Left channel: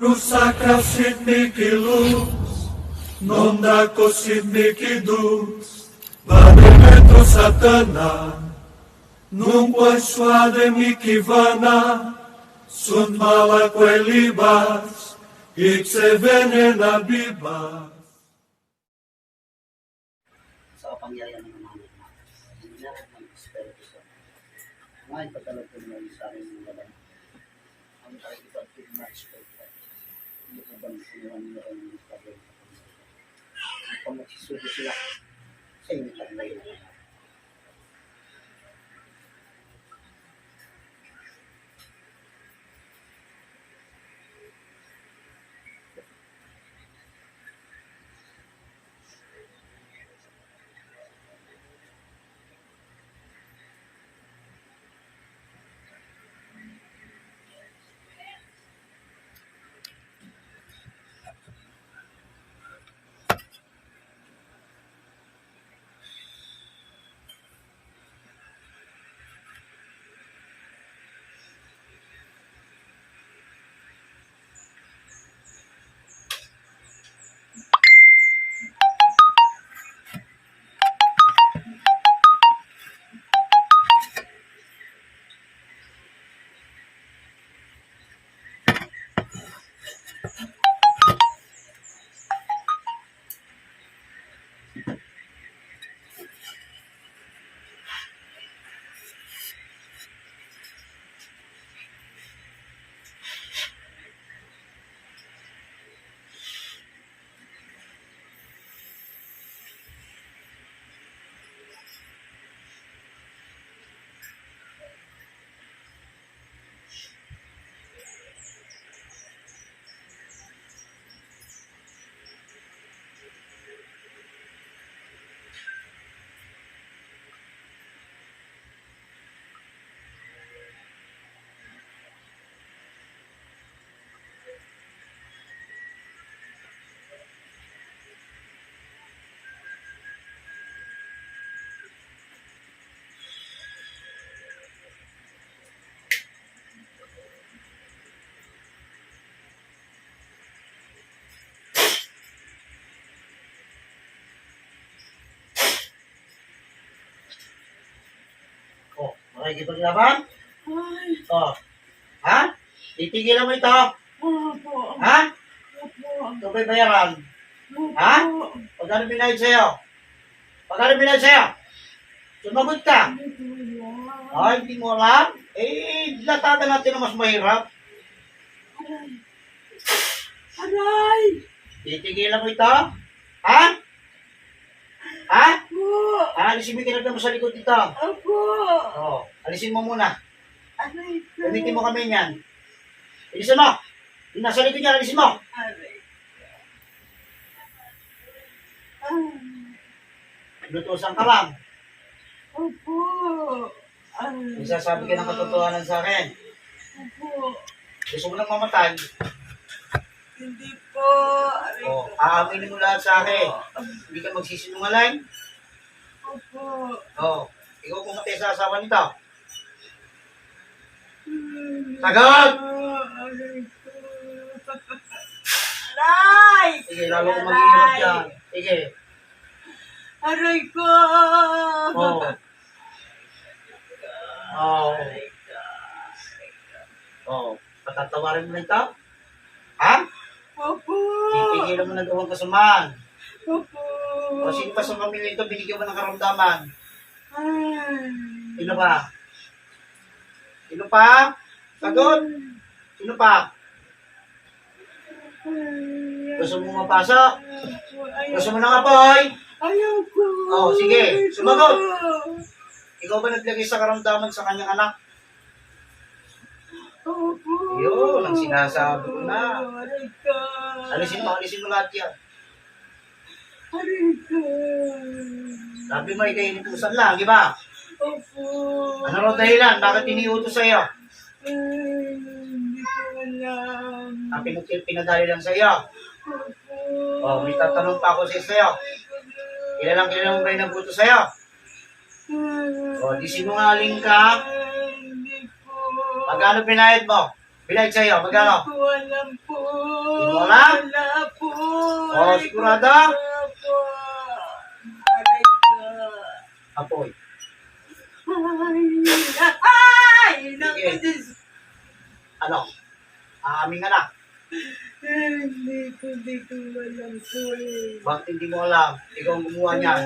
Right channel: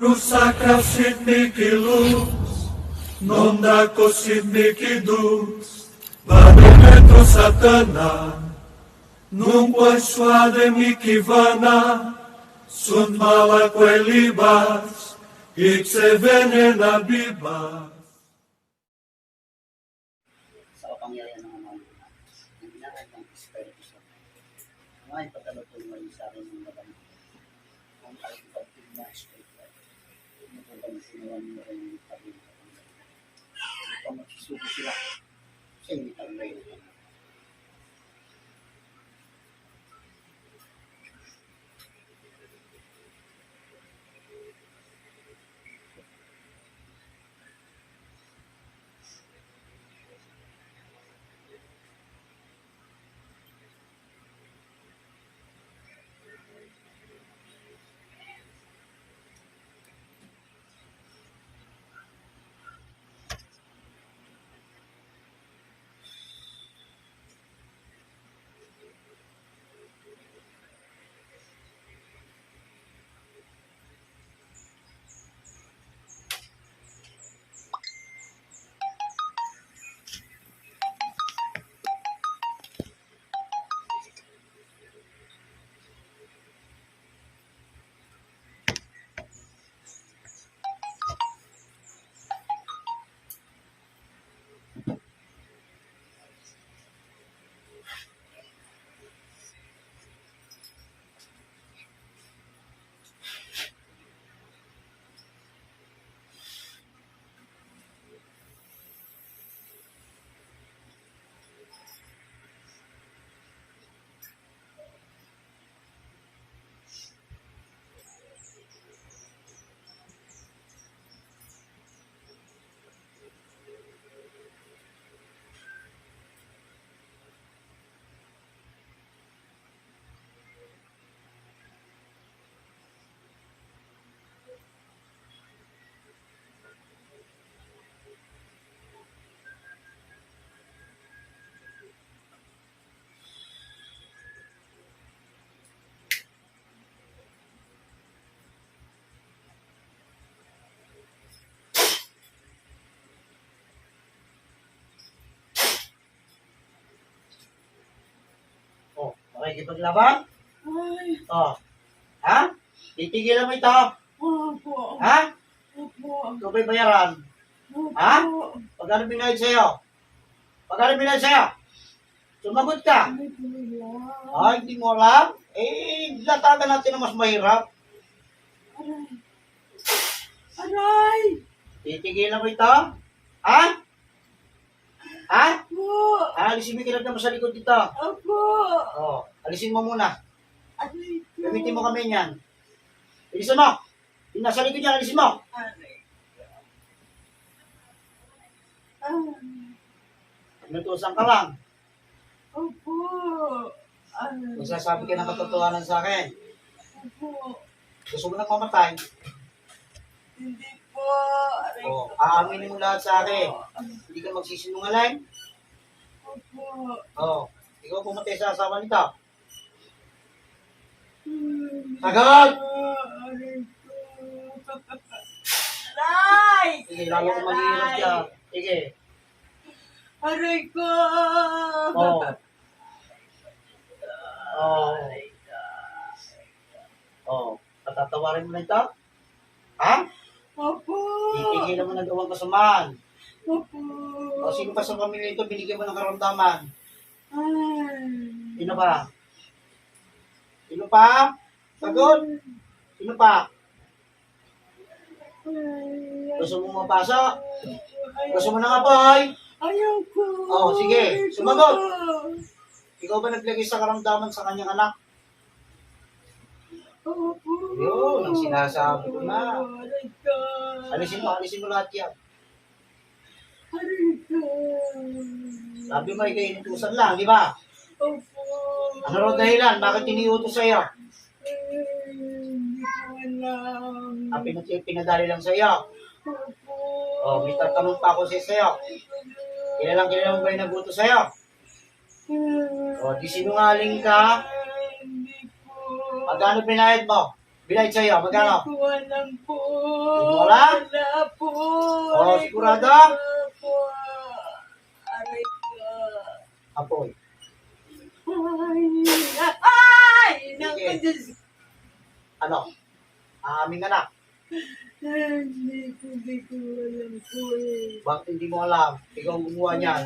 Rusaka sidniki luz, non dako sidniki dus, Bademetro satana, nung suade mikivana, sun malakwe libas, ikse venena bibas. Sa kapangyarihan ng mga ang lahat ng Espiritu Santo. Ngayon, pagkalagpag mo sa akin ng laban. Ang pakikipag-tigma Espiritu. Hindi ko bang sinuran nyo ay yung pagkakas. Hindi pa magsisubo sila sa inyo taglay na. Oh, makikipaglaban? Ay, Oh. Ha? Titigilan mo ito? opo. Ha? Opo. Ito ba'y bayaran? Opo. Ha? Pagkano binayad sa'yo? Pagkano binayad sa'yo? Sumagot ka. Hindi ko alam. Ay, hindi mo alam? Eh, latagan natin na mas mahirap. Aray. Aray! Titigilan mo ito? Ha? Ha? Po! Alisin mo yung kinagdama sa likod dito. Opo! Oh, alisin mo muna. Aray ko. Gamitin mo kami niyan. Alisin mo. Yung nasa likod niya, alisin mo. Aray ko. Ay. Inutusan ka lang. Opo! Aray. Nagsasabi ka ng katotohanan sa akin. Opo! Gusto mo nang mamatay. Hindi po! Aray Oh, ko. aaminin mo lahat sa akin. Hindi ka magsisinungaling. Opo! Oh, ikaw pumatay sa asawa nito. Hmm. Sagot! Aray ko. Aray! Sige, lalo kong maghihirap yan. Sige. Aray ko! Oh. Oh. Oh. Patatawarin mo na ito? Ha? Opo! Titigilan mo na gawang kasamaan. Opo! O sino pa sa pamilya ito binigyan mo ng karamdaman? Ay! Sino pa? Sino pa? Sagot! Sino pa? Gusto mo mapasok? Gusto mo ng apoy? Ayoko! Oh, sige. Ayoko. Sumagot. Ikaw ba naglagay sa karamdaman sa kanyang anak? Opo! Yun, ang sinasabi ko na. Aray ko! Alisin mo lahat yan. Aray ko! Sabi mo, ikay inutusan lang, di ba? Opo! Ano raw dahilan? Bakit iniutos sa'yo? Hindi ko alam. Ang pinadali lang sa'yo. Opo! Oh, may tatanong pa ako sa'yo. Kilala mo ba yung nagutos sa'yo? O, di sinungaling ka. Hindi po. Magkano binayad mo? Binayad sa'yo, magkano? Hindi ko alam po. Wala? Wala po. Oh, Aray ko, sigurado? wala po. Aray ko. Apoy. Ay! Naku, Sige. Diyos. Ano? Aming anak. Hindi ko alam po eh. Bakit hindi mo alam? Ikaw ang gumawa niyan.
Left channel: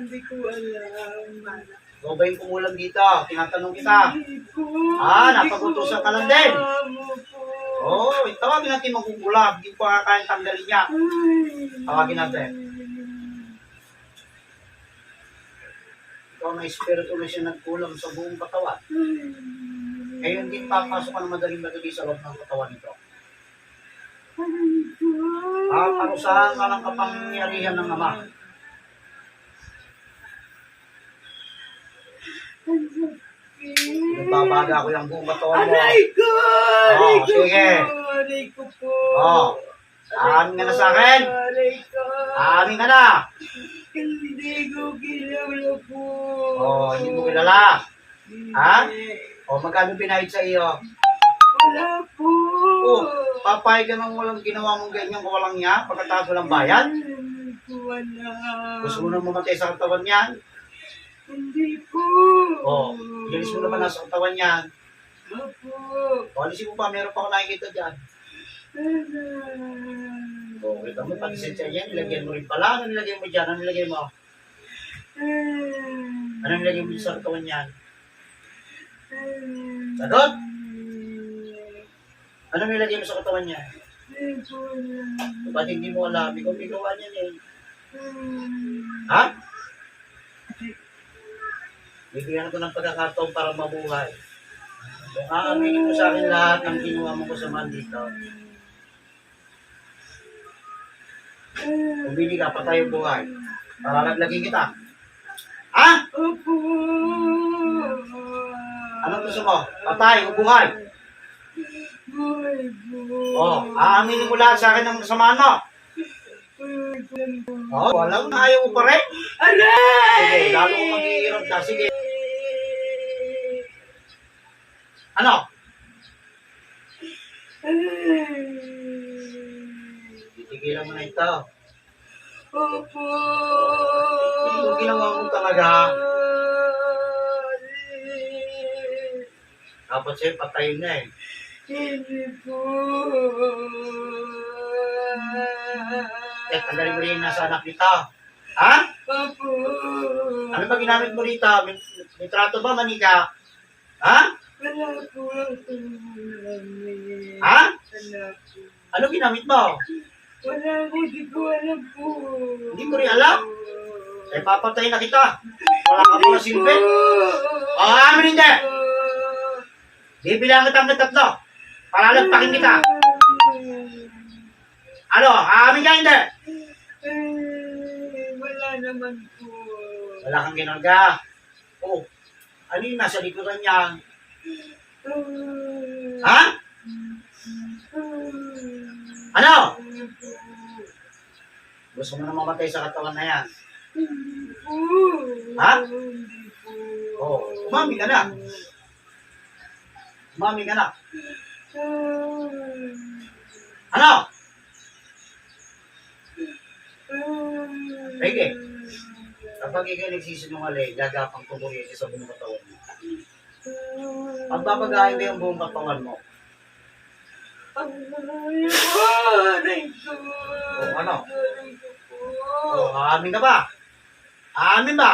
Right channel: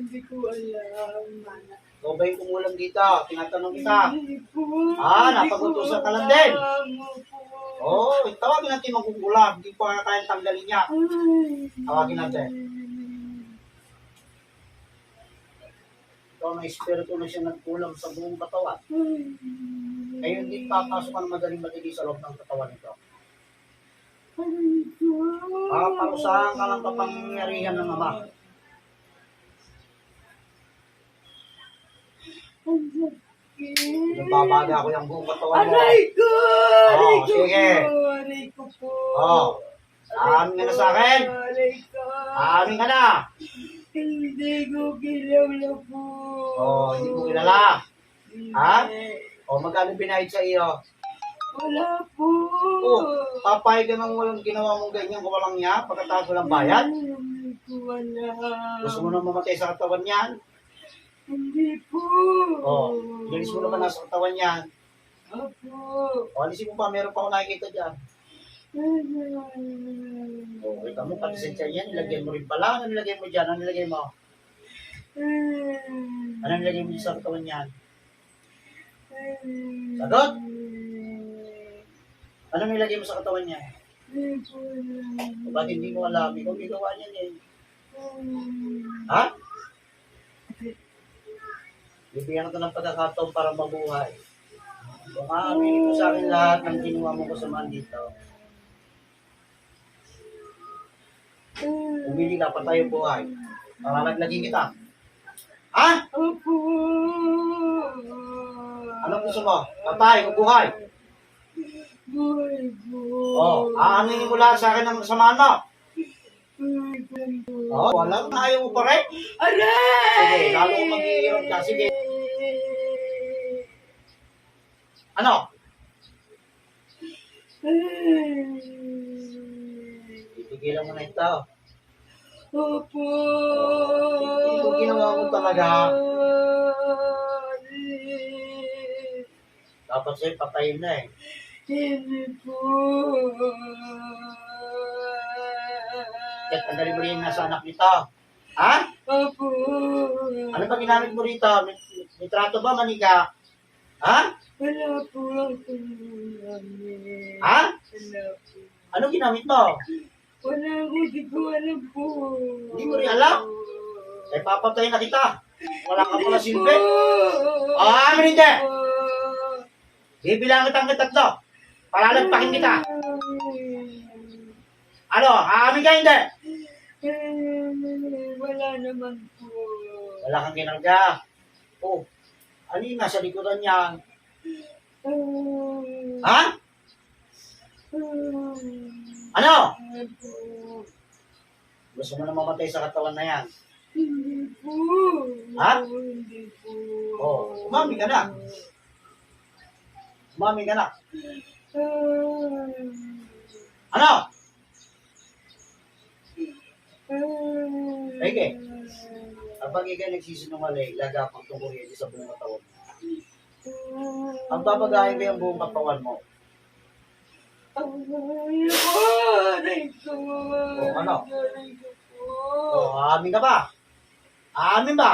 Hindi ko alam. Ikaw ba yung kumulam dito? Tinatanong kita. Hindi po. Napagutusan ka lang din. Opo. Oo, tawagin natin magkukulam. Hindi pa kakain tanggalin niya. Tawagin natin. Ikaw na espiritu na siya nagkulam sa buong katawan. Ngayon din papasok ka na madaling-madali sa loob ng katawan nito. Parusahan ka ng kapangyarihan ng Ama. Nagbabaga ko yung buong katawan mo. Aray ko! Aray ko sige. po! Aray ko po! Aamin ka na sa akin? Aray ko! Aamin ka na? Hindi ko kilala po! Hindi mo kilala? Ha? Hindi. Magkano binayad sa iyo? Wala po! Papayag ka nang walang ginawa mong ganyan kung walang niya, pagkatapos walang bayad? Hindi ko alam. Gusto mo nang mamatay sa katawan niyan? Hindi po! Bilis mo naman nasa katawan niyan. Opo! Alisin mo pa, meron pa ako nakikita dyan. Kita mo, pati sa yan, nilagyan mo rin pala. Ano nilagay mo dyan? Ano nilagay mo? Ano nilagay mo sa katawan niyan? Sagot? Ano nilagay mo sa katawan niya? Hindi po alam. Ba't hindi mo alam? Ikaw may gawa niyan eh. Ha? Bibigyan ko ng pagkakataon para mabuhay. Kung aaminin mo sa akin lahat ng ginawa mo kasamaan dito. Pumili ka, patay ang buhay. Palalaglagin kita. Ha? Opo! Anong gusto mo? Patay o buhay? Buhay po! Aaminin mo lahat sa akin ng kasamaan mo. Buhay po! Walang ayaw mo pa rin? Aray! Sige, lalo kong mag-iirap na. Sige. Ano? Titigilan mo na ito. Opo! Hindi ko ginawa mo talaga. Dapat sa'yo patayin na eh. Hindi po! Tanggalin mo rin yung nasa anak nito. Ha? Opo! Ano ba ginamit mo rito? May trato ba, manika? Ha? Wala po akong ulam eh. Ha? Wala po. Ano ginamit mo? Wala ko, di ko alam po. Hindi mo rin alam? Eh, papatayin na kita. Wala ka pala silbi. Amin hindi. Bibilang kita ng tatlo. Palalagpakin kita. Ano? Amin ka hindi? Wala naman po. Wala kang ginarga. Ano yung nasa likuran niya? Ha? Ano? Gusto mo na mamatay sa katawan na yan? Hindi po. Ha? Hindi po. Umami ka na. Umami ka na. Ano? Sige. Kapag ikaw nagsisinungaling, gagapang kukuryente sa buong katawan mo. Pagbabagahin ba yung buong katawan mo? Aray ko. Ano? Aray ko po. Aamin ka ba? Aamin ba?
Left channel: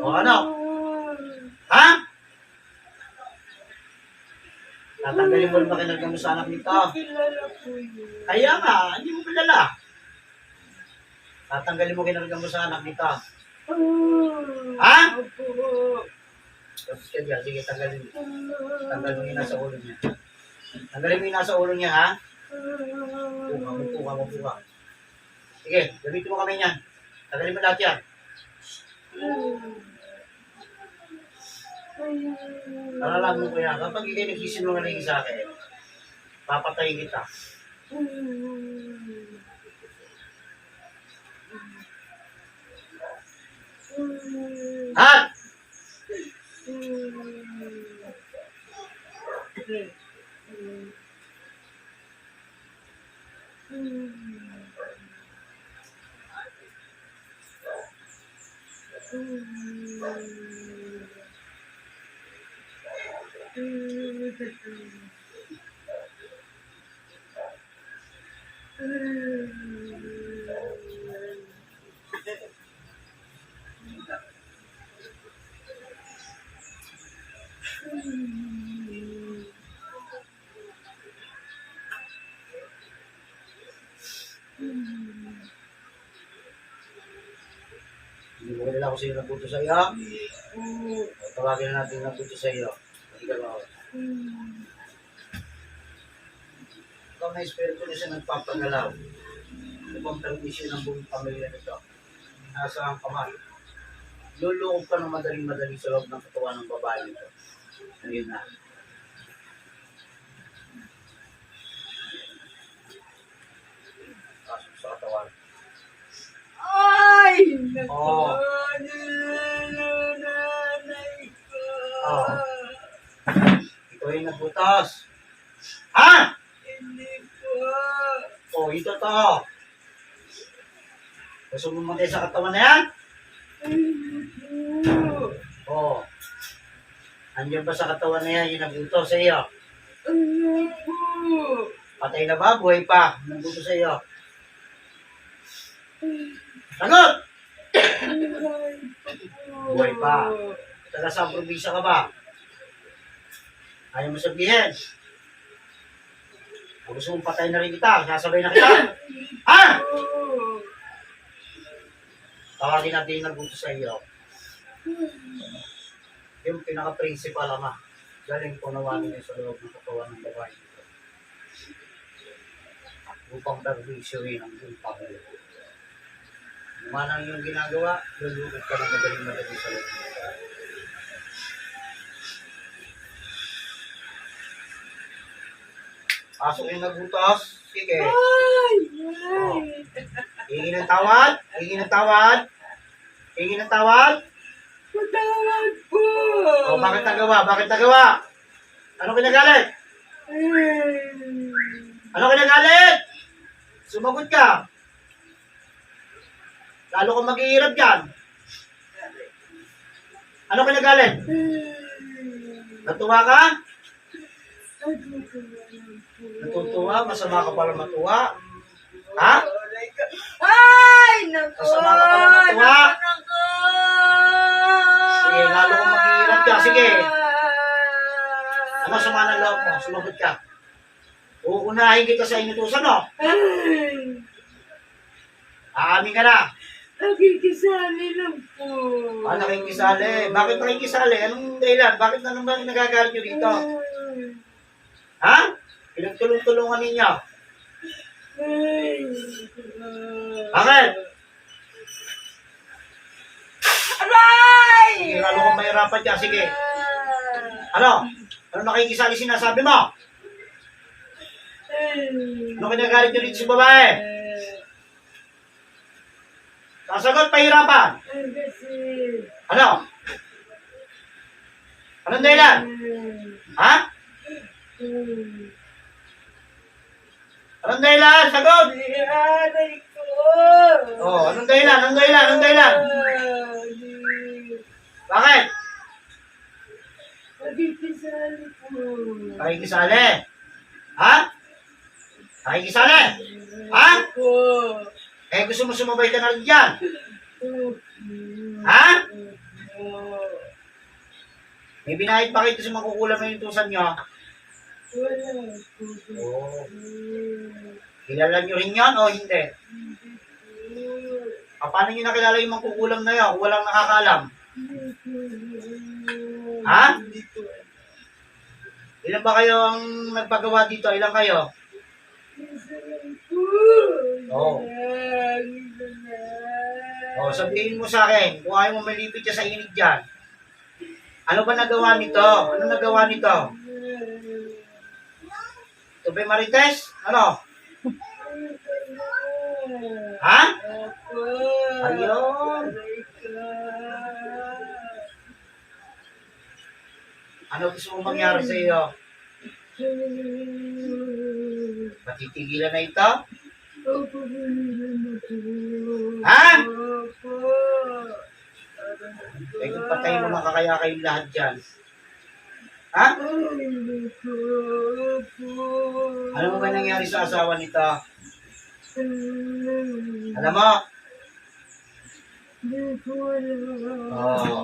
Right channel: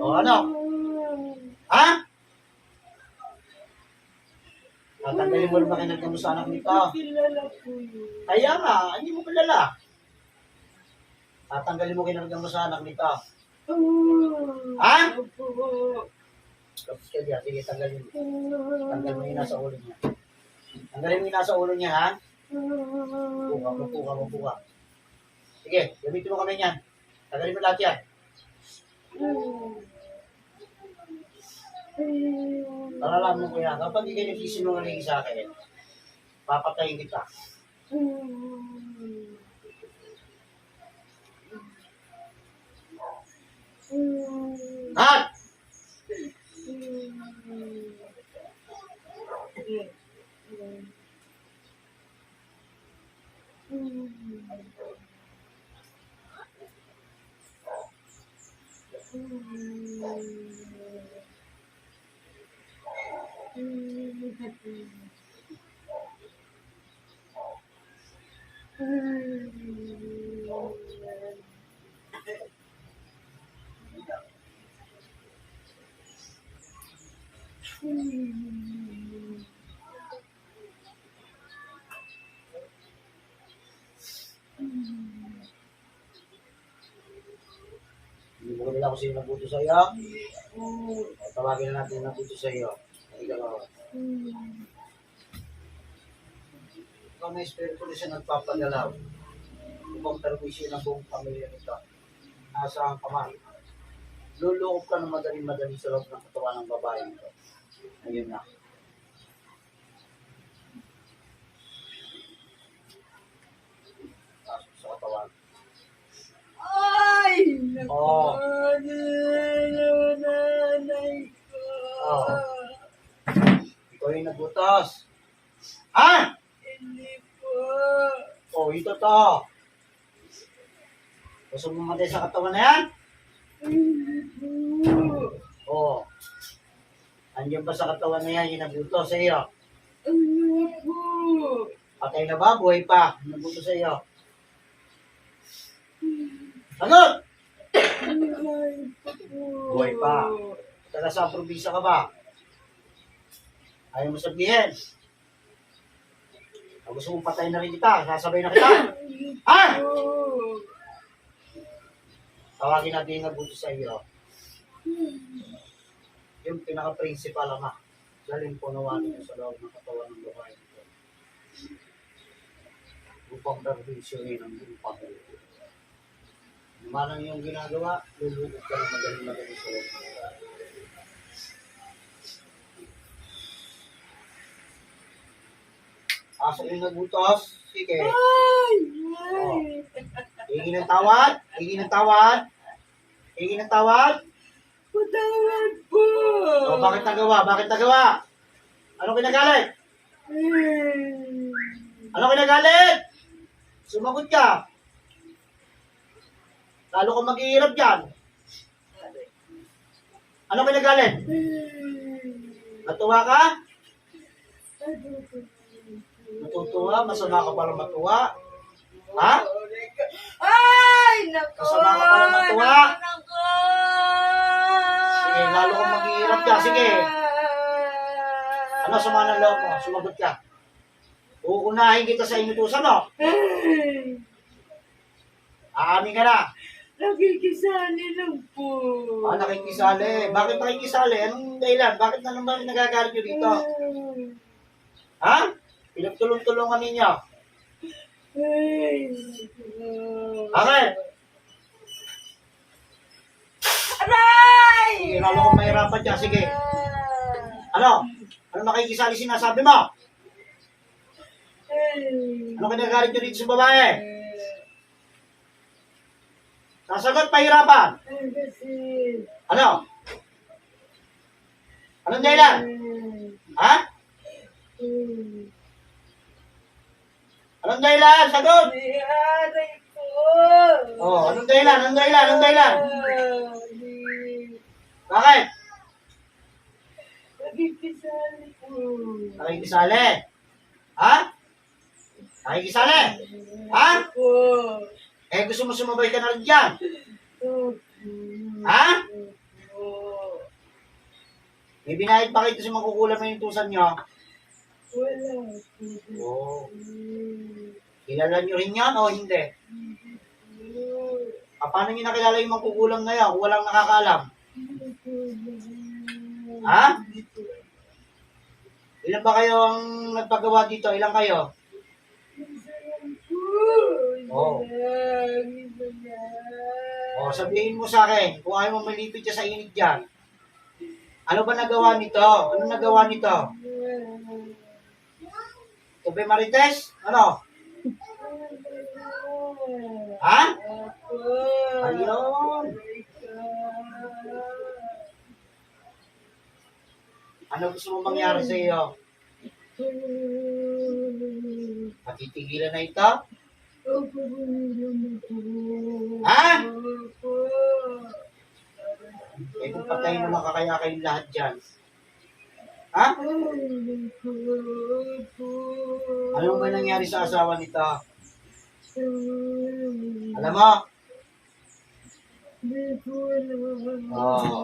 Ano? Ha? Tatanggalin mo rin ba kinarga mo sa anak nito? Kilala ko yun. Kaya nga, hindi mo kilala. Tatanggalin mo kinarga mo sa anak nito. Ha? Opo. Tapos ka dyan, sige, tanggalin mo. Tanggalin mo yung nasa ulo niya. Tanggalin mo yung nasa ulo niya, ha? Puka. Sige, gamitin mo kami niyan. Tanggalin mo lahat yan. Talalaan mo kuya, kapag ikay nagsisinungaling sa akin, papatayin kita. Hat! Hindi mo kilala kung sino nagbuto sa iyo. Tawagin na natin yung nagbuto sa iyo. Ikaw, ikaw may espiritu na siya nagpapagalaw. Upang permisyon ng buong pamilya nito. Nasa ang kamay. Lulukob ka ng madaling-madali sa loob ng katawan ng babae nito. Ayun na. Pasok sa katawan. Ay! Oo. Nanay ko. Oo. Ikaw yung nagbutas. Ha? Hindi po. Oh, ito to. Gusto mo matay sa katawan na yan? Hindi po. Oo. Andiyan ba sa katawan na yan yung nagbuto sa iyo? Hindi po. Patay na ba? Buhay pa? Nagbuto sa iyo? Sagot! Buhay pa. Taga sa probinsya ka ba? Ayaw mo sabihin. O gusto mong patay na rin kita? Sasabay na kita? Ha? Tawagin natin yung nagbuto sa iyo. Yung pinaka-principal ama. Galing po nawanin niya sa loob ng katawan ng babae nito. Upang perwisyoin ang buong pamilya. Manang yung ginagawa, lulugod ka ng madaling-madali sa loob. Pasok yung nagbutos. Sige. Ay! Oh. Hingi ng tawad. Hingi ng tawad. Hingi ng tawad. Patawad po. O, bakit nagawa? Bakit nagawa? Ano kinagalit? Ano kinagalit? Sumagot ka. Lalo kang maghihirap dyan. Ano kinagalit? Natuwa ka? Natutuwa? Masama ka pala matuwa? Ha? Ay! Naku! Masama ka pala matuwa? Naku! Sige, lalo kang maghihirap dyan. Sige. Ano sama ng loob mo? Sumagot ka. Uunahin kita sa inutusan, no? Aamin ka na. Nakikisali lang po. Nakikisali. Bakit nakikisali? Anong dahilan? Bakit na naman nagagalit nyo dito? Ha? Pinagtulong-tulungan ninyo. Bakit? Aray! Sige, lalo kang mahirapan dyan. Sige. Ano? Ano nakikisali sinasabi mo? Ano kinagalit nyo dito sa babae? Sasagot, pahirapan. Kasi... Ano? Anong dahilan? Ha? Anong dahilan? Sagot! Aray ko! Oh, anong dahilan? Anong dahilan? Anong dahilan? Bakit? Nakikisali po. Nakikisali. Ha? Nakikisali. Ha? Po. Eh, gusto mo sumabay ka na rin dyan? Ha? May binayad pa kayo sa makukulam na yung tusan nyo? Wala po. Oo. Kilala nyo rin yan o hindi? Paano nyo nakilala yung makukulam na yan kung walang nakakaalam? Ha? Ilan ba kayo ang nagpagawa dito? Ilan kayo? Oo. O, sabihin mo sa akin, kung ayaw mo malipit ka sa init dyan, ano ba nagawa nito? Ano nagawa nito? Ito ba Marites? Ano? Ha? Ayun. Ano gusto mo mangyari sa iyo? Patitigilan na ito? Ha? Eh kung patayin mo na kakaya kayong lahat dyan. Ha? Hindi ko po. Alam mo ba nangyari sa asawa nito? Alam mo? Hindi ko alam. Oo.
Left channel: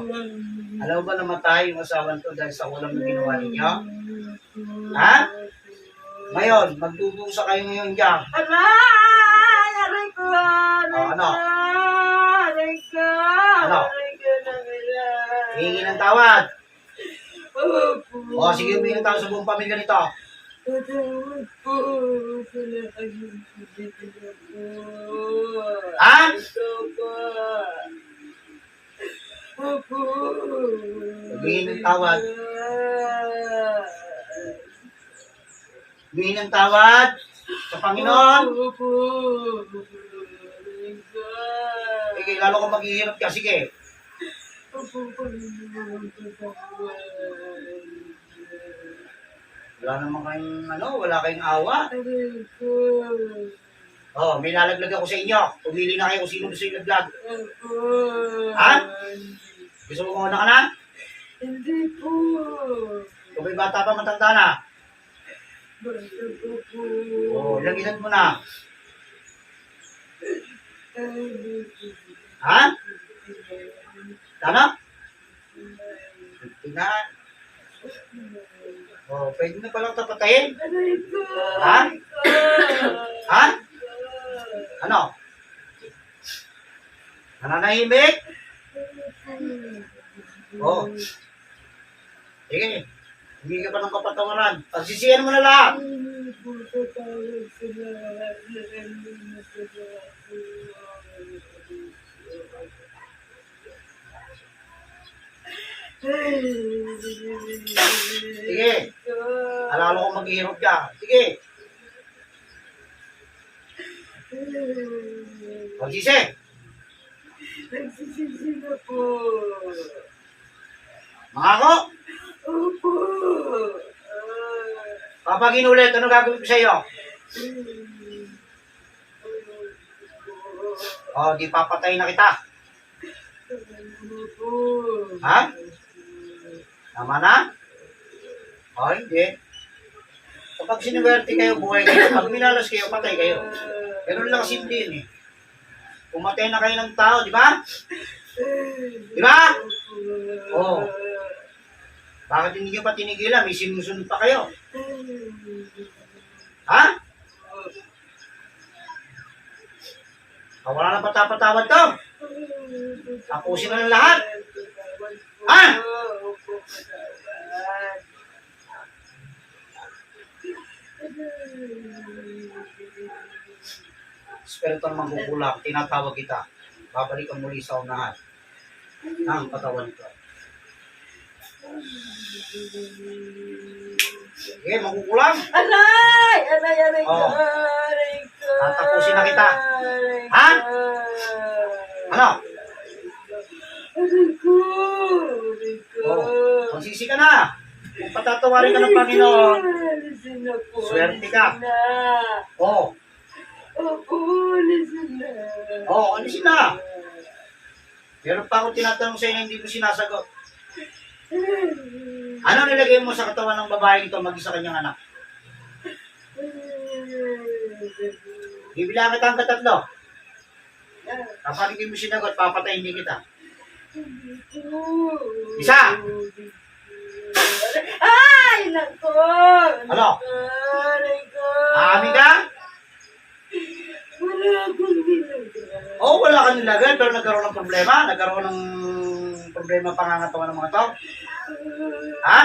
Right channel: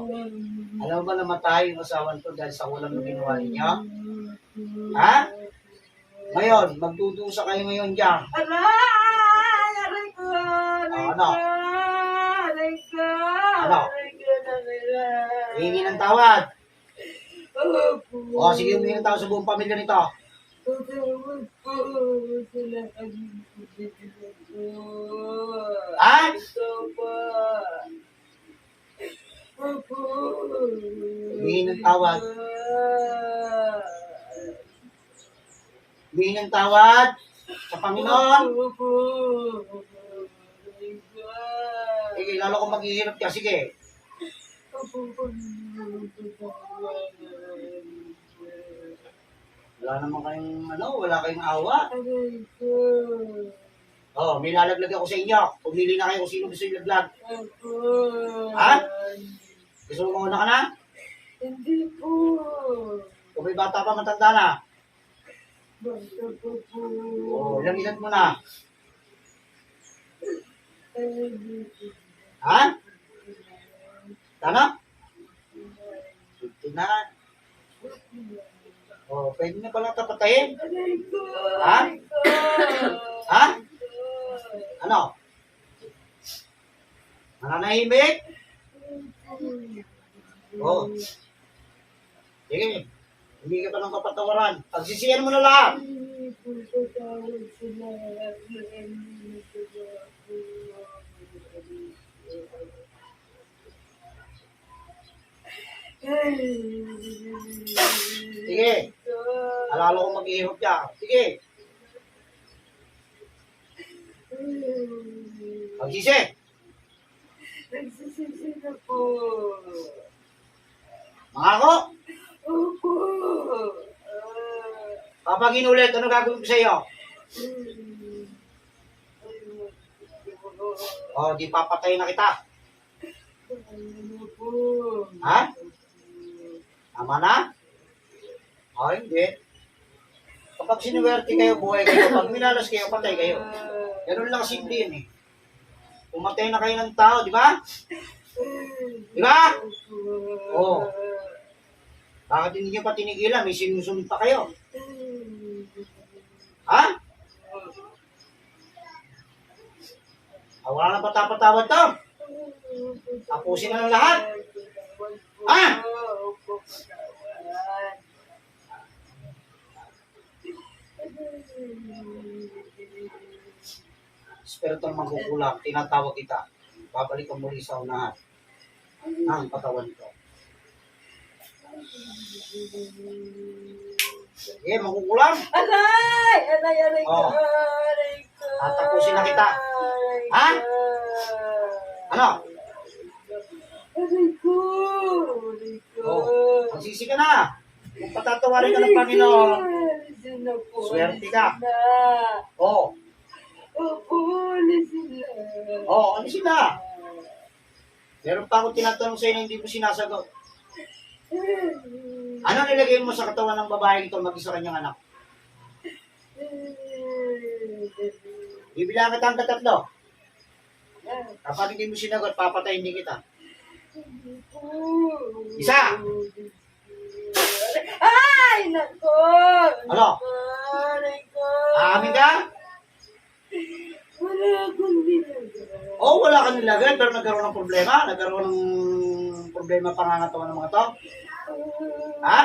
Alam mo ba namatay yung asawa nito dahil sa ulam na ginawa ninyo? Ha? Ngayon, magdudusa kayo ngayon dyan. Aray! Aray ko! Oh, ano? Aray ko! Ano? Aray ko na aray. Hihingi ng tawad. Opo. O, sige, humingi ng tawad sa buong pamilya nito. Patawad po sa lahat ng pagkakita po. Ha? Ito po. Opo. Humingi ng tawad. Humingi ng tawad sa Panginoon. Opo. Aray ko. Sige, lalo kang maghihirap ka. Sige. Opo, Panginoon, patawad. Wala naman kayong, wala kayong awa. Aray ko. Oh, may lalaglag ako sa inyo. Pumili na kayo kung sino gusto yung laglag. Opo. Ha? Gusto mo mauna ka na? Hindi po. Kung may bata pa, matanda na. Basta po po. Oh, ilang edad mo na? Hindi po. Ha? Ano? 59. Oh, pwede na palang tapatayin. Aray ko. Ha? Aray ko. Ha? Ano? Nananahimik? Oh. Sige. Hindi ka pa ng kapatawaran. Pagsisiyan mo na lahat. Hindi po tatawag sa lahat na hindi nagagawa ko. Sige. Alala ko maghihirap ka. Sige. Pagsisi. Nagsisisi na po. Mangako. Opo. Kapag inulit, ano gagawin ko sa iyo? Oh, di papatay na kita. Opo. Ha? Tama na? Oh, hindi. Kapag sinuwerte kayo, buhay kayo. Pag minalas kayo, patay kayo. Ganun lang simple yun eh. Pumatay na kayo ng tao, di ba? Di ba? Oo. Bakit hindi nyo pa tinigilan? May sinusunod pa kayo. Ha? Wala na patapatawad to. Tapusin na ng lahat. Ha? Opo, patawad. Espiritong mangkukulam, tinatawag kita. Babalik ka muli sa unahan ng katawan ko. Sige, mangkukulam. Aray! Aray, aray ko! Oh. Aray ko! Tatapusin na kita. Aray ko! Ha? Ano? Aray ko! Aray ko! Oh, magsisi ka na. Kung patatawarin ka ng Panginoon, Alisin na po. swerte ka. Alisin na. oh, Opo, alisin na. oh, ano sila? Meron pa akong tinatanong sa inyo, hindi mo sinasagot. Ano nilagay mo sa katawan ng babae ito mag-isa kanyang anak? Bibilang kita ang katatlo. Kapag hindi mo sinagot, papatayin din kita. Isa! Ay, nako! Ano? Aray ko! Aamin ka? Wala akong ginagawa. Oo, wala kang nilagay, pero nagkaroon ng problema. Nagkaroon ng problema pangangatawan ng mga to. Ha?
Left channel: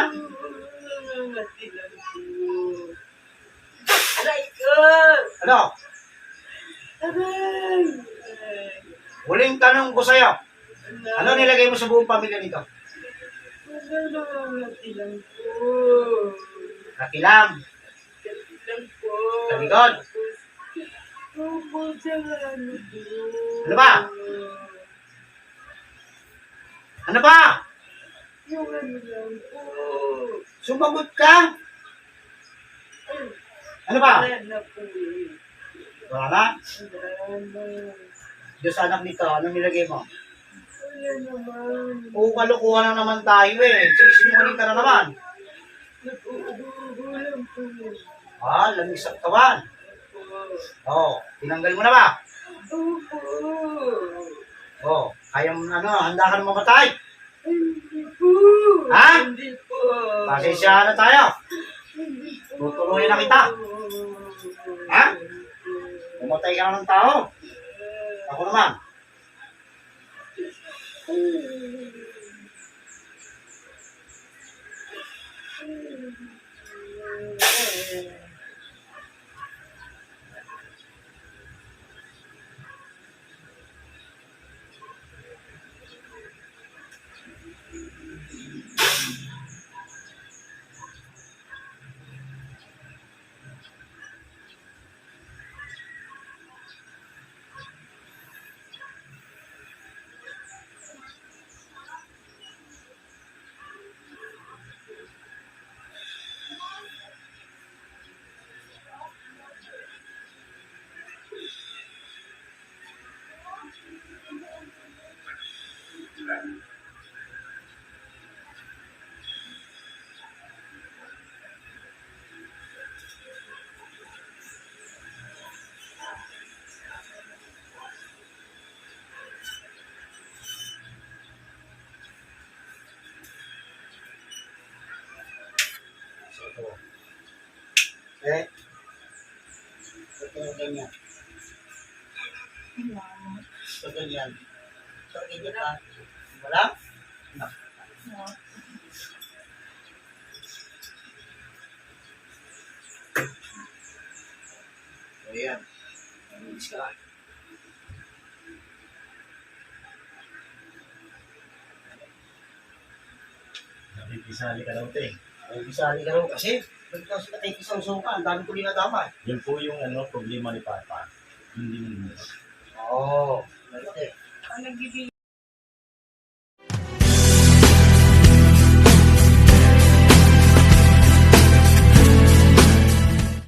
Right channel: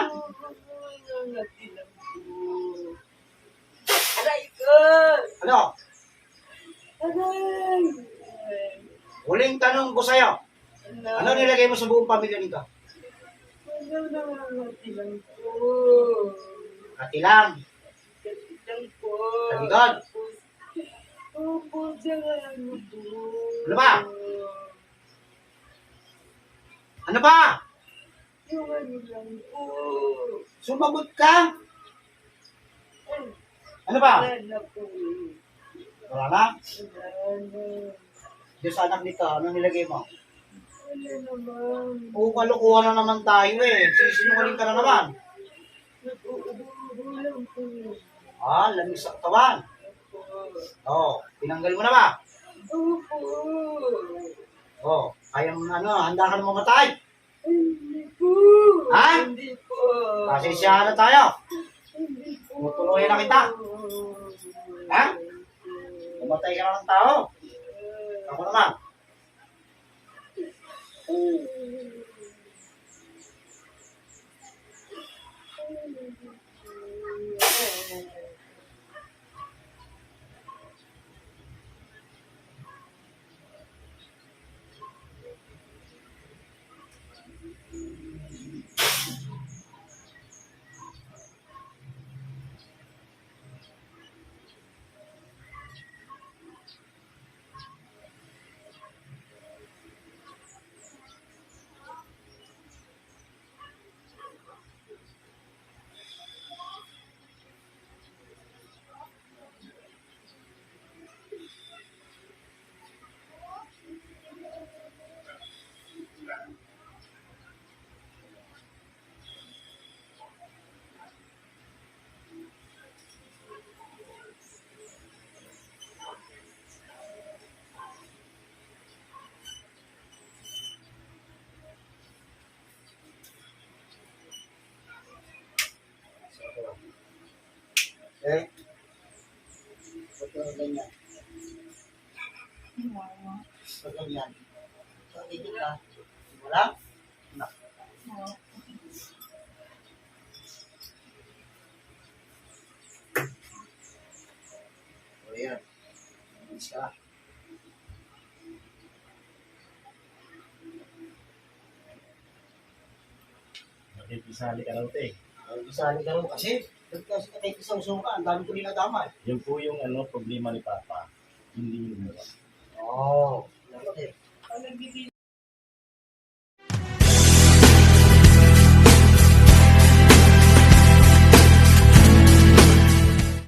Nangatilan ko. Aray ko! Ano? Aray! Huling tanong ko sa'yo. Ano nilagay mo sa buong pamilya nito? Wala nangatilan ko. Katilang. Katilan ko. Sa likod. Opo, sa ano po. Ano ba? Ano ba? Yung ano lang po. Sumagot ka? Ano ba? Wala na po. Wala na? Wala na. Diyos anak nito, ano nilagay mo? Wala naman. Oo, kalukuhan na naman tayo eh. Sisinungaling ka na naman. Nag-uulam po. Ah, lamig sa katawan. Oo, tinanggal mo na ba? Opo. Oo, kaya mo handa ka na mamatay. Hindi po. Ha? Hindi po. Pasensyahan na tayo. Hindi po. Tutuloy na kita. Ha? Mamatay ka na ng tao. Ako naman. Eh, ba't yung ganyan? Ba't ganyan? Sakit ka? Wala? Nak. O yan. Naminis ka. Nakikisali ka daw, te. Ay, isali ka raw kasi. Ba't kasi nakikisawsaw ka? Ang dami ko dinadamay. Yan po yung problema ni Papa. Hindi mo. Oo. Lalo eh. Ang nagbibigay